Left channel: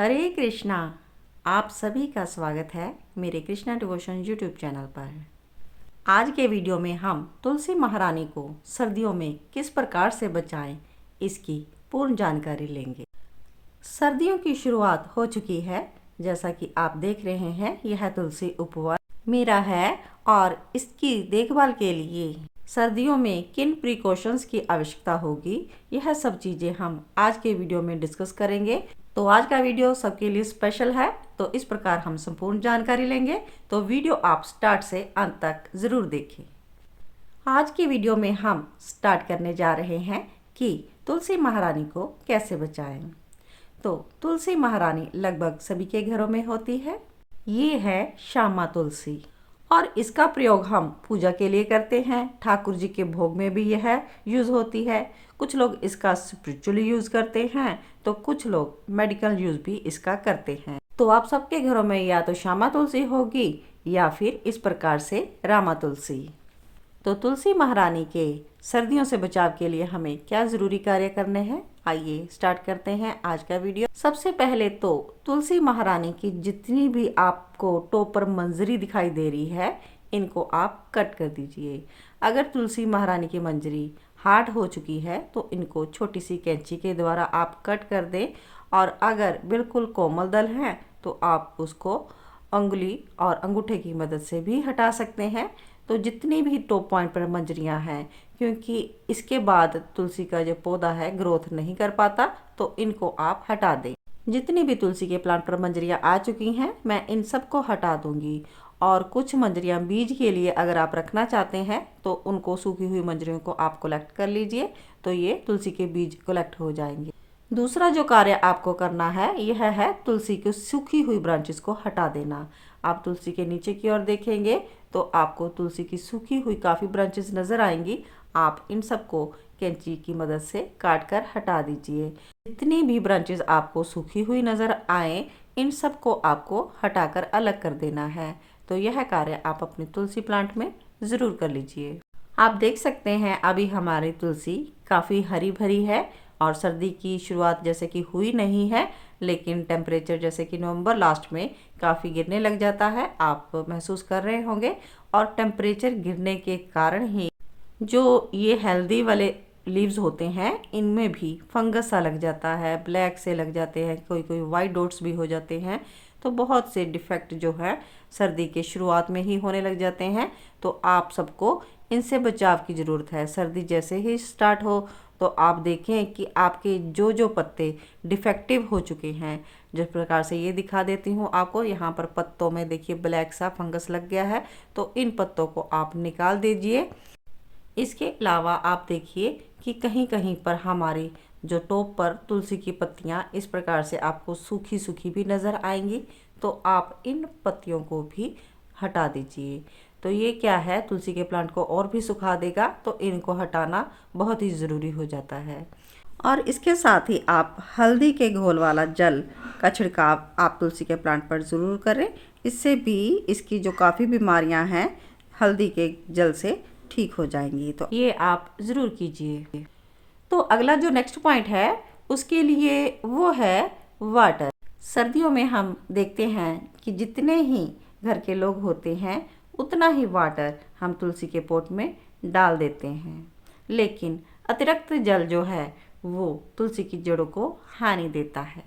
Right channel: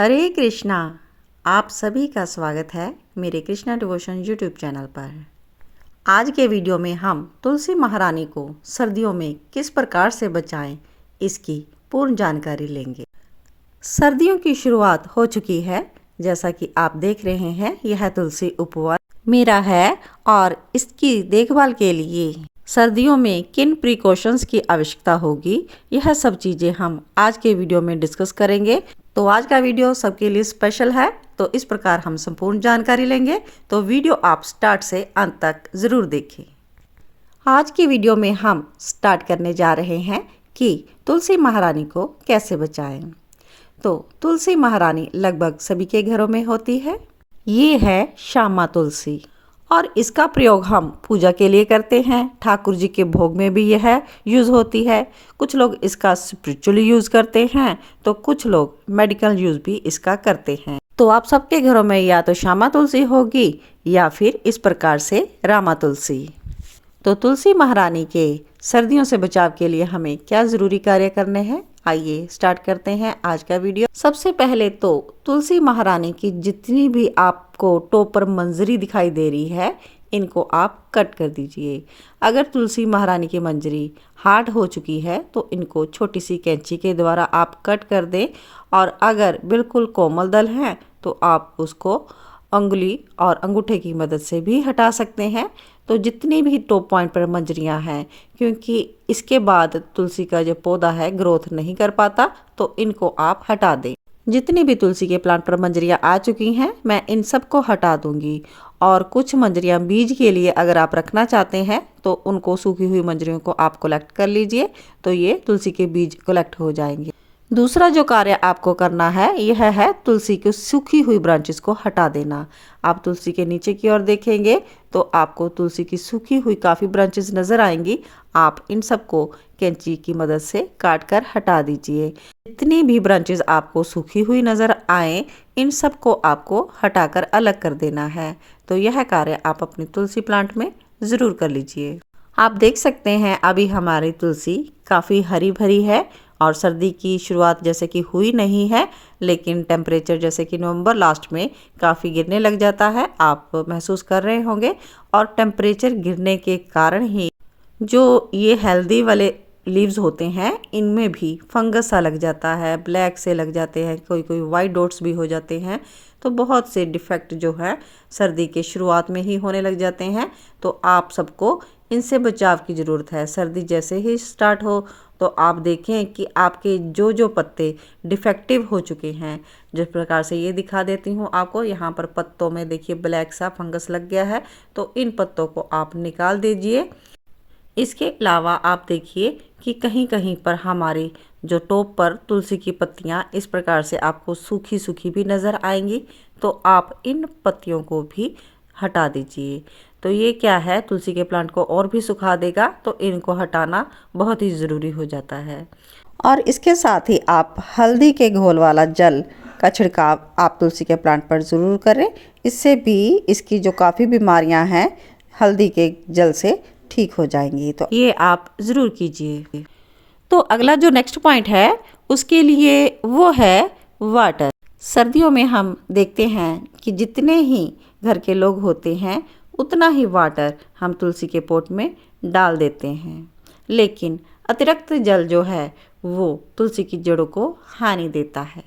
हरे कृष्णा। आप सभी का स्वागत है मेरे कृष्णा डिवोशन यूट्यूब चैनल पर। आज के वीडियो में हम तुलसी महारानी को सर्दियों में किस प्रकार से बचाएं, इसकी पूर्ण जानकारी लेंगे। सर्दियों की शुरुआत हो चुकी है। जैसा कि आप देख रहे हैं, यह तुलसी उपवन मेरा है और इसकी देखभाल के लिए सर्दियों में किन प्रिकॉशंस की आवश्यकता होगी, यह सब चीज़ें हम आज के वीडियो में डिस्कस करेंगे। तो आज का वीडियो सबके लिए स्पेशल है, तो इस प्रकार हम संपूर्ण जानकारी लेंगे। तो वीडियो आप स्टार्ट से अंत तक ज़रूर देखें। आज की वीडियो में हम स्टार्ट करने जा रहे हैं कि तुलसी महारानी को कैसे बचाएं। तो तुलसी महारानी लगभग सभी के घरों में होती है। ये है श्यामा तुलसी और इसका प्रयोग हम पूजा के लिए करते हैं। ठाकुर जी के भोग में भी यह यूज़ होती है। कुछ लोग इसका स्पिरिचुअली यूज़ करते हैं, तो कुछ लोग मेडिकल यूज़ भी इसका करते हैं। तो आप सबके घरों में या तो श्यामा तुलसी होगी या फिर इस प्रकार से रामा तुलसी। तो तुलसी महारानी के सर्दियों से बचाव के लिए हमें क्या ज़रूरी कार्य करने हैं, आइए स्टार्ट करते हैं आज का वीडियो। सबसे पहले तो तुलसी महारानी की जितनी भी आपको टॉप पर मंजरी दिखाई दे रही है, इनको आप कट कर दीजिए। अगर तुलसी महारानी की मंजरी हार्ड हो चुकी है तो इनको छोटी सी कैंची के द्वारा आप कट कर दें, और अगर बिल्कुल कोमल दल हैं तो आप उसको अंगुली और अंगूठे की मदद से भी हटा सकते हैं। तो जितनी भी टॉप पॉइंट पर मंजरियां हैं, क्योंकि इसके बाद तुलसी का जो पौधा है ग्रोथ नहीं कर पाता, तो इनको आप हटा दें। जितनी भी तुलसी के प्लांट पर मंजरियां आ चुकी हैं, मैं इन सबको हटा दूंगी। और कुछ मंजरियां बीज के लिए अगर आप रखना चाहते हैं तो उनको सूखी हुई मंजरियों को आप कलेक्ट कर लीजिए, तो ये तुलसी के बीज कलेक्ट हो जाएंगे। दूसरा जो कार्य आपको करना है यह है तुलसी की सूखी हुई ब्रांचेस को हटा देना। आप तुलसी के नीचे की ओर देखेंगे तो आपको तुलसी की सूखी हुई काफ़ी ब्रांचेस नज़र आएंगी। आप इन सबको कैंची की मदद से काट कर हटा दीजिए। जितनी भी ब्रांचेस आपको सूखी हुई नज़र आए, इन सबको आपको हटाकर अलग कर देना है। तो यह कार्य आप अपनी तुलसी प्लांट में ज़रूर कर लीजिए। आप देख सकते हैं अभी हमारी तुलसी काफ़ी हरी भरी है और सर्दी की शुरुआत जैसे कि हुई नहीं है, लेकिन टेम्परेचर जैसे कि नवंबर लास्ट में काफ़ी गिरने लग जाता है, आप महसूस कर रहे होंगे। और टेम्परेचर गिरने के कारण ही जो ये हेल्दी वाले लीव्स होते हैं, इनमें भी फंगस सा लग जाता है, ब्लैक से लग जाते हैं, कोई कोई वाइट डॉट्स भी हो जाते हैं। तो बहुत से डिफेक्ट जो है सर्दी के शुरुआत में ही होने लग जाते हैं। तो आप सबको इनसे बचाव की ज़रूरत है। सर्दी जैसे ही स्टार्ट हो तो आप देखें कि आपके जो जो पत्ते डिफेक्टिव हो चुके हैं, जिस प्रकार से ये दिखा देती हूँ आपको, यहाँ पर पत्तों में देखिए ब्लैक सा फंगस लग गया है, तो इन पत्तों को आप निकाल दीजिए। इसके अलावा आप देखिए कि कहीं कहीं पर हमारी जो टॉप पर तुलसी की पत्तियाँ इस प्रकार से आपको सूखी सूखी भी नज़र आएंगी, तो आप इन पत्तियों को भी हटा दीजिए। तो ये क्या है, तुलसी के प्लांट को और भी सुखा देगा, तो इनको हटाना बहुत ही ज़रूरी हो जाता है। और इसके साथ ही आप हल्दी के घोल वाला जल का छिड़काव आप तुलसी के प्लांट पर ज़रूर करें। इससे भी इसकी जो काफ़ी बीमारियां हैं हल्दी के जल से ठीक हो जाएंगी, तो ये आप ज़रूर कीजिए। तो अगला जो नेक्स्ट पॉइंट है उसके लिए वो है वाटर। सर्दियों में हम देखते हैं कि जितने ही घर के लोग होते हैं उतना ही वाटर हम तुलसी के पोट में डाल देते हैं, लेकिन अतिरिक्त जल जो है वो तुलसी की जड़ों को हानि देता है।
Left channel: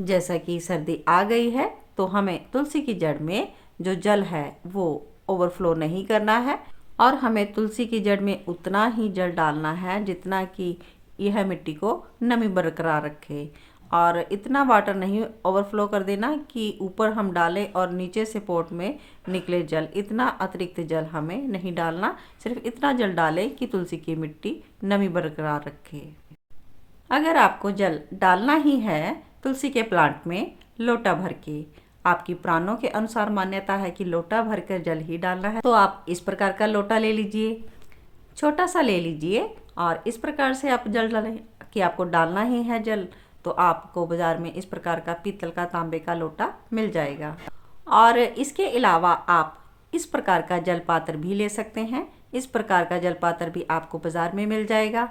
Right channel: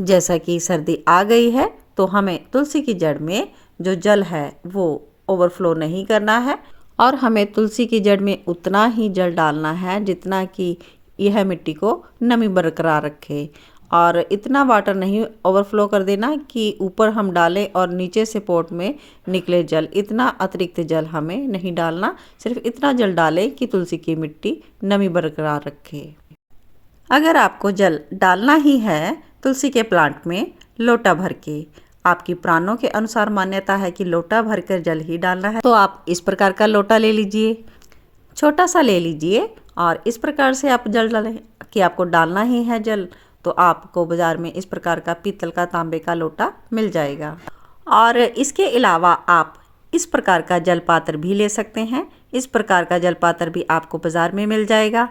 जैसा कि सर्दी आ गई है तो हमें तुलसी की जड़ में जो जल है वो ओवरफ्लो नहीं करना है, और हमें तुलसी की जड़ में उतना ही जल डालना है जितना कि यह मिट्टी को नमी बरकरार रखे। और इतना वाटर नहीं ओवरफ्लो कर देना कि ऊपर हम डालें और नीचे से पोट में निकले जल, इतना अतिरिक्त जल हमें नहीं डालना। सिर्फ इतना जल डालें कि तुलसी की मिट्टी नमी बरकरार रखे। अगर आपको जल डालना ही है तुलसी के प्लांट में लोटा भर के, आपकी प्राणों के अनुसार मान्यता है कि लोटा भरकर जल ही डालना है, तो आप इस प्रकार का लोटा ले लीजिए, छोटा सा ले लीजिए, और इस प्रकार से आप जल डालें कि आपको डालना ही है जल। तो आपको बाज़ार में इस प्रकार का पीतल का तांबे का लोटा मिल जाएगा। और इसके अलावा आप इस प्रकार का जल पात्र भी ले सकते हैं। इस प्रकार का जल पात्र भी आपको बाज़ार में मिल जाएगा।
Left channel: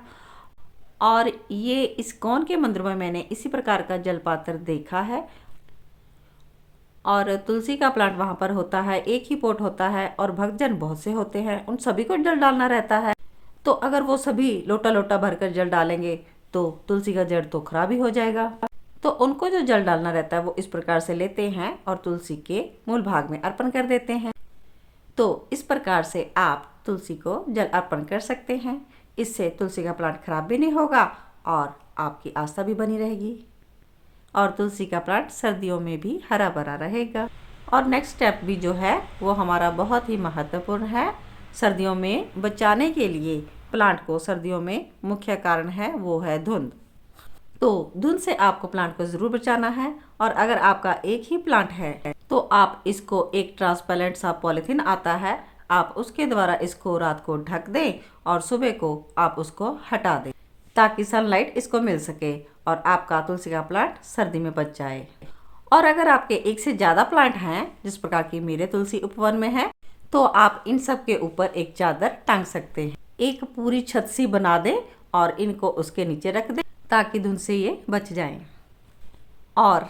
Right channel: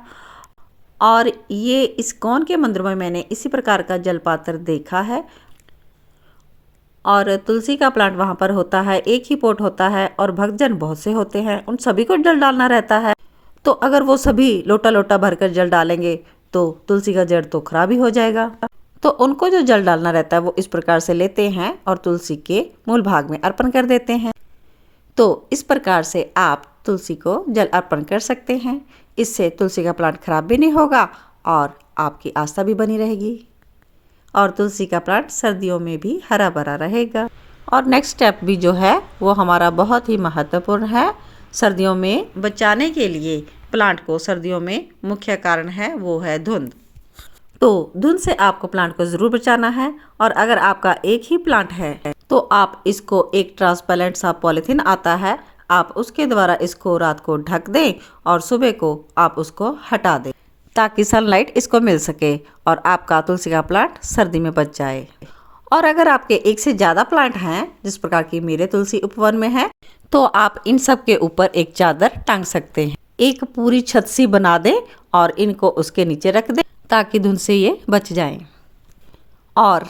और ये इस्कॉन के मंदिर में मैंने इसी प्रकार का जल पात्र देखा है। और तुलसी का प्लांट वहाँ पर होता है, एक ही पॉट होता है और भक्तजन बहुत से होते हैं, उन सभी को जल डालना रहता है। तो अगर वो सभी लोटा लोटा भरकर जल डालेंगे तो तुलसी का जड़ तो खराब ही हो जाएगा। तो उनको जो जल डालना रहता है वो इस प्रकार से लेते हैं और तुलसी के मूल भाग में अर्पण कर देते हैं। तो इस प्रकार से आप तुलसी को जल अर्पण कर सकते हैं। इससे तुलसी का प्लांट खराब भी नहीं होगा और आपकी आस्था भी बनी रहेगी और तुलसी का प्लांट सर्दियों में भी हरा भरा रहेगा। और नेक्स्ट स्टेप भी जो है वो हमारा बहुत ही महत्वपूर्ण है। सर्दियों में बचाने के लिए प्लांट को, सर्दियों में मुख्य कारण है वो है धुंध। तो धुंध से आपको प्लांट को ज़रूर बचाना है। और अगर आपका एक ही प्लांट है तो आप इसको, एक ट्रांसपेरेंट सा पॉलीथीन आता है, आप उसके द्वारा इसको रात को ढक दें और सुबह को आप उसको हटा दें ताकि सनलाइट इसको मिल सके और आपका तुलसी का प्लांट सर्दी में बच जाए। और अगर आपके एक से ज़्यादा प्लांट हैं, जिस प्रकार की मेरे तुलसी उपवन में है, तो आप इन सब के ऊपर एक चादर टांग सकते हैं। एक पूरी छत सी बना दें और इनको उसके नीचे रख दें ताकि धुंध से ये बच जाएं। और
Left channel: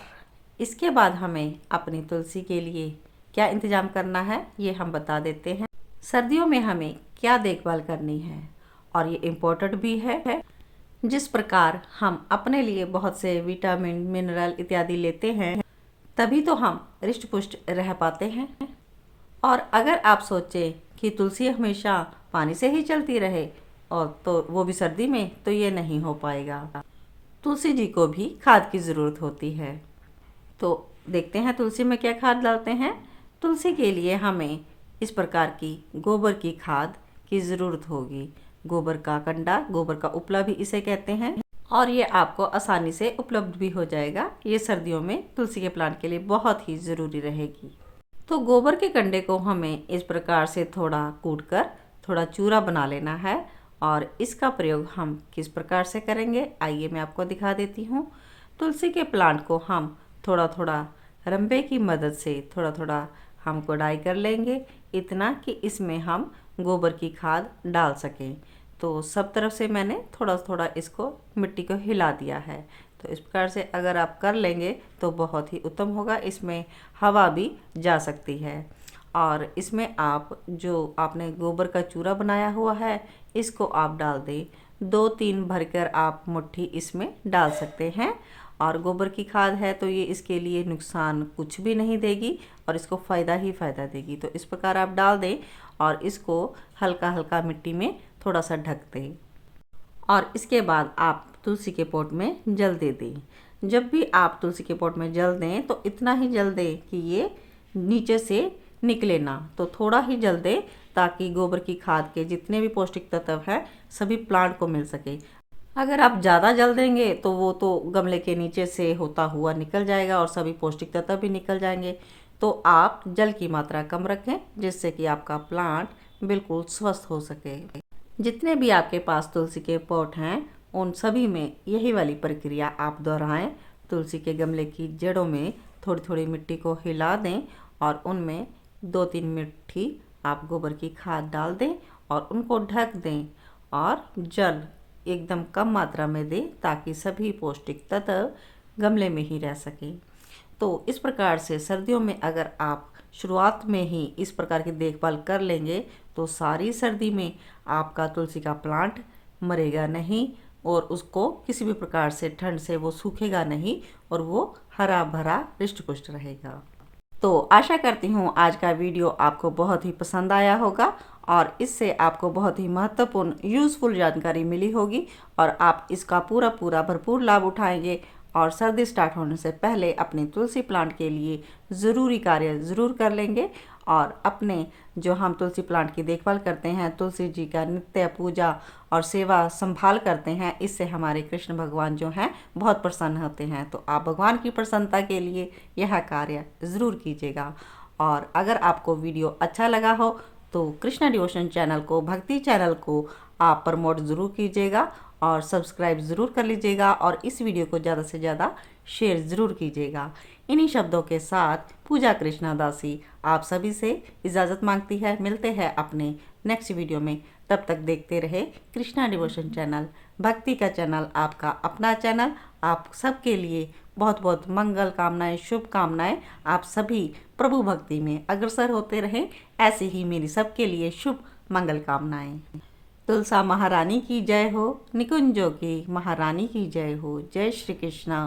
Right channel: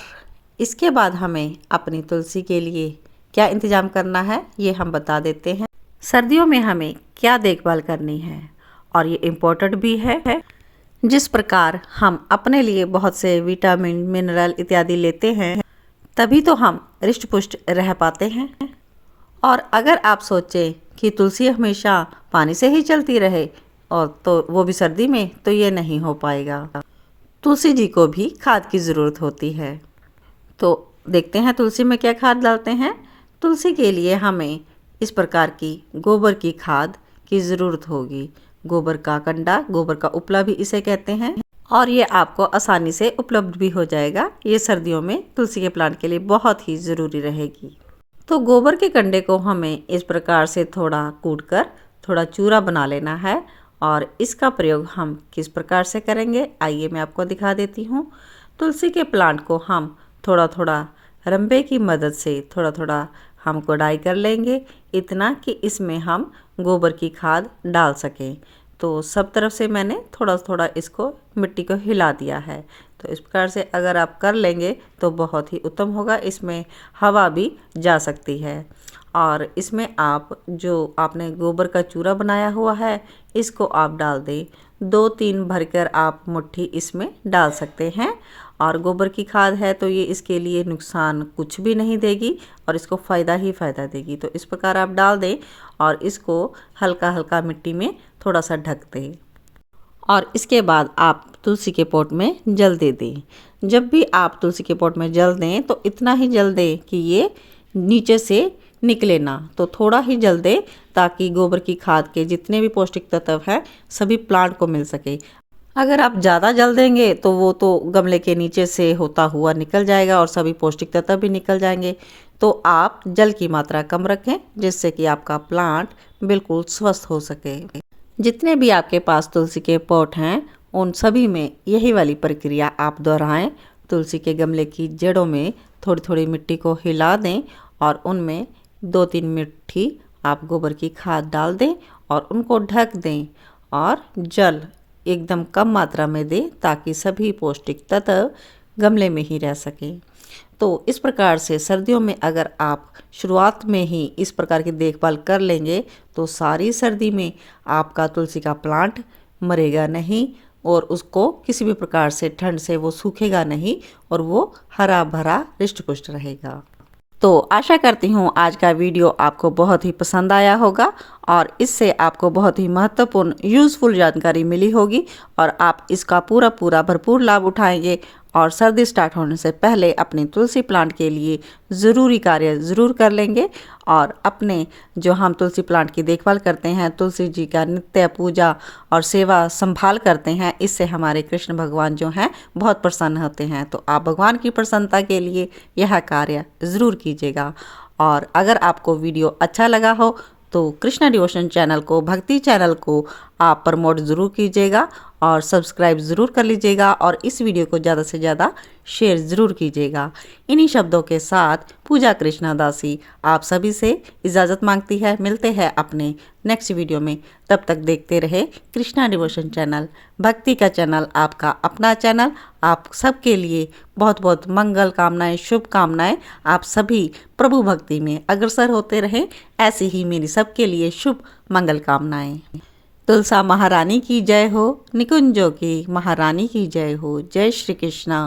इसके बाद हमें अपनी तुलसी के लिए क्या इंतज़ाम करना है ये हम बता देते हैं। सर्दियों में हमें क्या देखभाल करनी है और ये इम्पोर्टेंट भी है। जिस प्रकार हम अपने लिए बहुत से विटामिन, मिनरल इत्यादि लेते हैं, तभी तो हम हृष्ट पुष्ट रह पाते हैं। और अगर आप सोचें कि तुलसी हमेशा पानी से ही चलती रहे और तो वो भी सर्दी में, तो ये नहीं हो पाएगा। तुलसी जी को भी खाद की ज़रूरत होती है। तो देखते हैं तुलसी में क्या खाद डालते हैं। तुलसी के लिए हमें इस प्रकार की गोबर की खाद की ज़रूरत होगी। गोबर का कंडा, गोबर का उपला भी इसे कहते हैं, और ये आपको आसानी से उपलब्ध भी हो जाएगा। ये सर्दियों में तुलसी के प्लांट के लिए बहुत ही ज़रूरी रहेगी। तो गोबर के कंडे को हमें इस प्रकार से थोड़ा कूटकर थोड़ा चूरा बना लेना है। और इसका प्रयोग हम किस प्रकार से करेंगे आइए मैं आपको दिखा देती हूँ। तुलसी के प्लांट को हम थोड़ा थोड़ा रंबे की मदद से थोड़ा थोड़ा हम कोड़ाई कर लेंगे, इतना कि इसमें हम गोबर की खाद डाल सकें। तो सब तरफ से मैंने थोड़ा थोड़ा इसको, मिट्टी को हिला दिया है। तो इस प्रकार से अगर आप कर लेंगे तो बहुत ही उत्तम होगा। इसमें हवा भी जा सकती है। और इसमें आप जो आपने गोबर का चूरा बनाया हुआ है इसको आप डाल दें। 2-3 भरकर आप मुट्ठी इसमें डाल सकते हैं। और गोबर की खाद है तो ये इसके लिए नुकसान कुछ भी नहीं देगी और इसको फ़ायदा ही फ़ायदा देगी। तो इस प्रकार आप डाल दें और इसको हल्का हल्का मिट्टी में थोड़ा सा ढक दें। और इसके बाद आप तुलसी के पॉट में जल दे दें। जब भी आप तुलसी के पॉट में जल दें तो इतना ही जल दें कि ये नीचे से निकले ना, तो थोड़ा ही जल दें ताकि गोबर की खाद के जितने भी पौष्टिक तत्व हैं सभी प्लांट को मिल सके। अगर आप ज़्यादा जल देंगे तो वो तो गमले के नीचे से होता हुआ निकल जाएगा और सभी पौष्टिक तत्व भी निकल जाएंगे। तो आप जल की मात्रा कम रखें जिससे कि आपका प्लांट बिल्कुल स्वस्थ हो सके। जितने भी आपके पास तुलसी के पॉट हैं उन सभी में यही वाली प्रक्रिया आप दोहराएं। तुलसी के गमले की जड़ों में थोड़ी थोड़ी मिट्टी को हिला दें और उनमें 2-3 मुट्ठी आप गोबर की खाद डाल दें और उनको ढक दें और जल एकदम कम मात्रा में दें ताकि सभी पौष्टिक तत्व गमले में ही रह सकें। तो इस प्रकार से सर्दियों में अगर आप शुरुआत में ही इस प्रकार की देखभाल कर लेंगे तो सारी सर्दी में आपका तुलसी का प्लांट मरेगा नहीं और उसको किसी भी प्रकार से ठंड से वो सूखेगा नहीं और वो हरा भरा हृष्ट पुष्ट रहेगा। तो आशा करती हूँ आज का वीडियो आपको बहुत ही पसंद आया होगा और इससे आपको बहुत ही महत्वपूर्ण यूज़फुल जानकारी मिली होगी और आप इसका पूरा भरपूर लाभ उठाएंगे और सर्दी स्टार्ट होने से पहले अपने तुलसी प्लांट के लिए ज़रूरी कार्य ज़रूर कर लेंगे। और अपने जो हम तुलसी प्लांट की देखभाल करते हैं, तुलसी जी का नित्य पूजा और सेवा संभाल करते हैं, इससे हमारे कृष्ण भगवान जो हैं बहुत प्रसन्न होते हैं। तो आप भगवान की प्रसन्नता के लिए यह कार्य ज़रूर कीजिएगा। और अगर आपको वीडियो अच्छा लगा हो तो कृष्णा डिवोशन चैनल को, भक्ति चैनल को आप प्रमोट ज़रूर कीजिएगा और सब्सक्राइब ज़रूर कर लीजिएगा और इस वीडियो को ज़्यादा से ज़्यादा शेयर ज़रूर कीजिएगा। इन्हीं शब्दों के साथ पूजा कृष्णा दासी आप सभी से इजाज़त मांगती है। मिलते हैं अपने नेक्स्ट वीडियो में, तब तक देखते रहे कृष्णा डिवोशन चैनल, भक्ति का चैनल, आपका अपना चैनल। आप सबके लिए बहुत बहुत मंगल कामनाएं, शुभकामनाएं। आप सभी प्रभु भक्ति में अग्रसर होते रहें, ऐसी ही मेरी सबके लिए शुभ मंगल कामनाएं। तुलसा महारानी की जय हो, निकुंजों की महारानी की जय हो। जय श्री कृष्णा।